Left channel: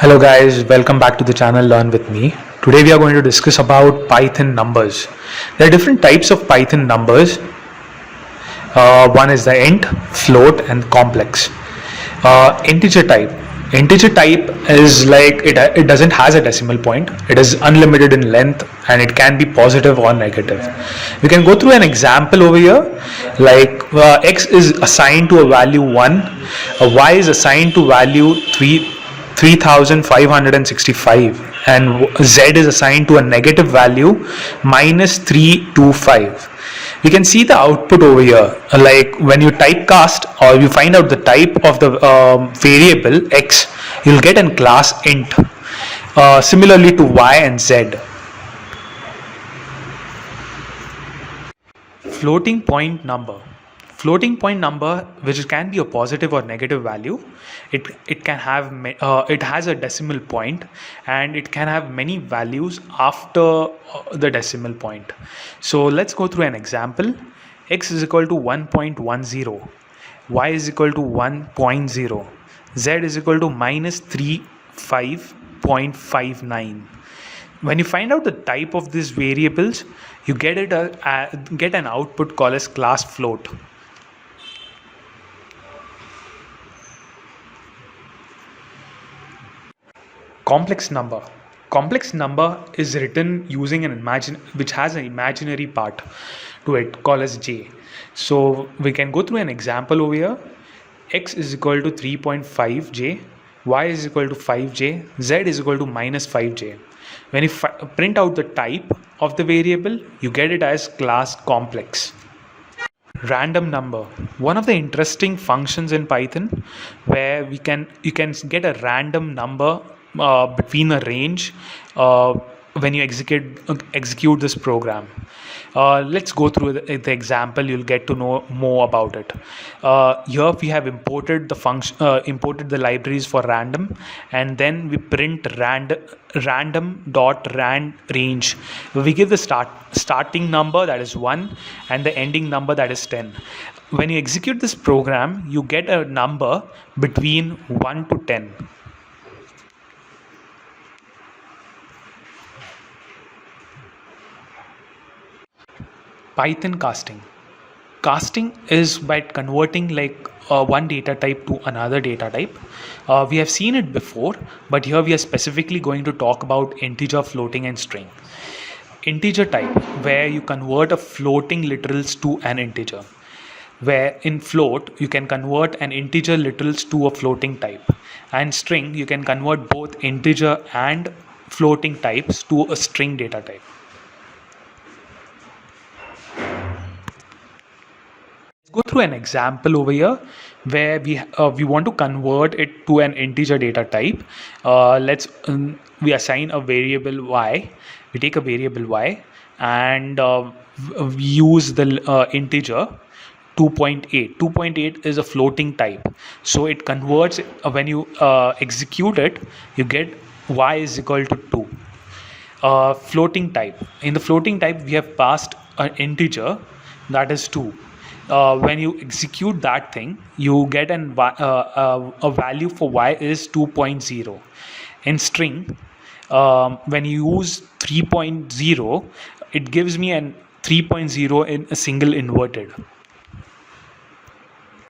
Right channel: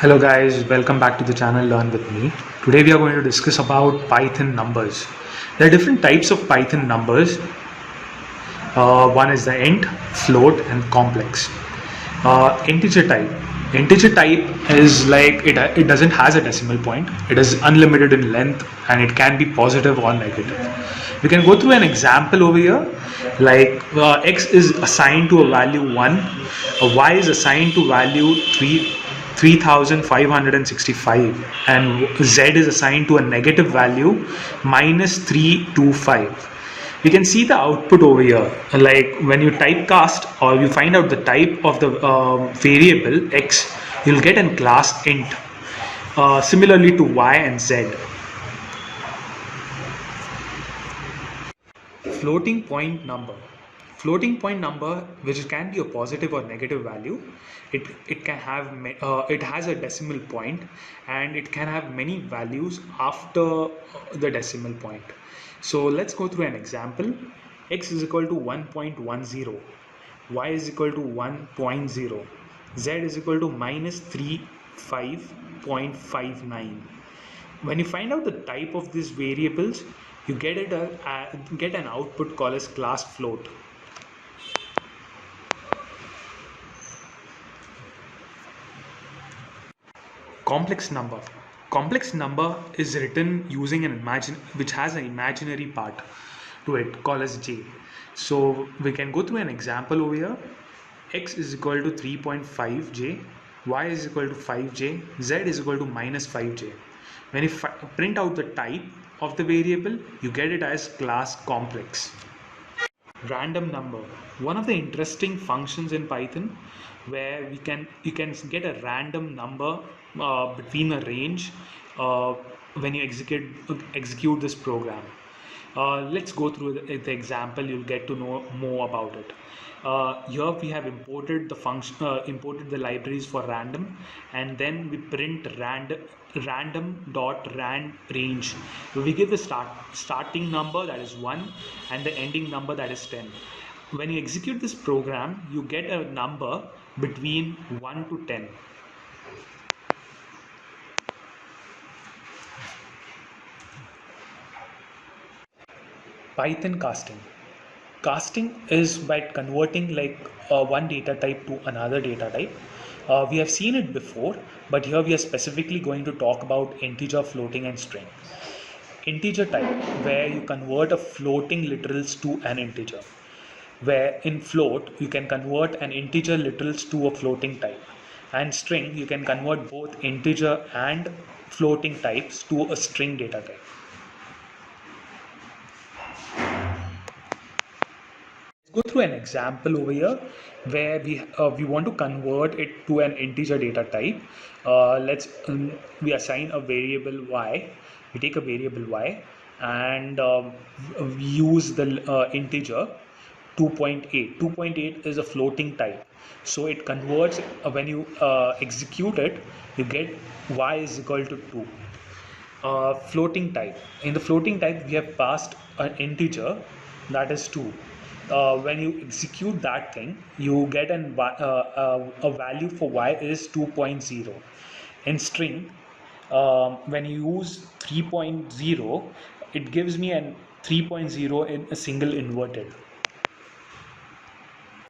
Hello guys, welcome back to the channel Learn with me. Today we are going to discuss about Python numbers. There are different types of Python numbers. One is the int, float and complex. Integer type. Integer type is like it doesn't has a decimal point. It is unlimited in length and it can be positive or negative. We can go through an example over here. Like x is assigned to a value 1, y is assigned to value 3565 and z is assigned to a negative value minus 325. We can see the output over here. Like when you typecast or you find out the type of the variable x, you'll get a class int, similarly to y and z. Floating point number. Floating point number, which can be a positive or negative value, it can have it has a decimal point and it can have many values after the decimal point. So let's go through an example. X is equal to 1.10, y is equal to 1.0, z is equal to minus 35.59. When you find out the type of these variables, you get an output called as class float. Complex number. Complex number is written using which has an imaginary part to it called as j. So we can go through an example over here. X is equal to 3.5j, y is equal to 5j, z is equal to minus 5j. When you print out the type of the variable, you get it as class complex. Random number. One of the interesting functions in Python where you can get a random number between a range when you execute this program. Let's go through the example. You'll get to know more about it. Here we have imported the function, imported the libraries for random, and then we print random.rand range. We give the starting number, that is 1, and the ending number, that is 10. When you execute this program, you get a number between 1 to 10. Python casting. Casting is by converting one data type to another data type. We have seen it before, but here we are specifically going to talk about integer, floating and string. Integer type, where you convert a floating literals to an integer. Where in float, you can convert an integer literals to a floating type. And string, you can convert both integer and floating types to a string data type. Go through an example over here where we want to convert it to an integer data type. We assign a variable y. We take a variable y and we use the integer 2.8. 2.8 is a floating type, so it converts when you execute it, you get y is equal to 2. Floating type. In the floating type, we have passed an integer, that is 2. When you execute that thing, you get a value for y is 2.0. In string, when you use 3.0, it gives me an 3.0 in a single inverted.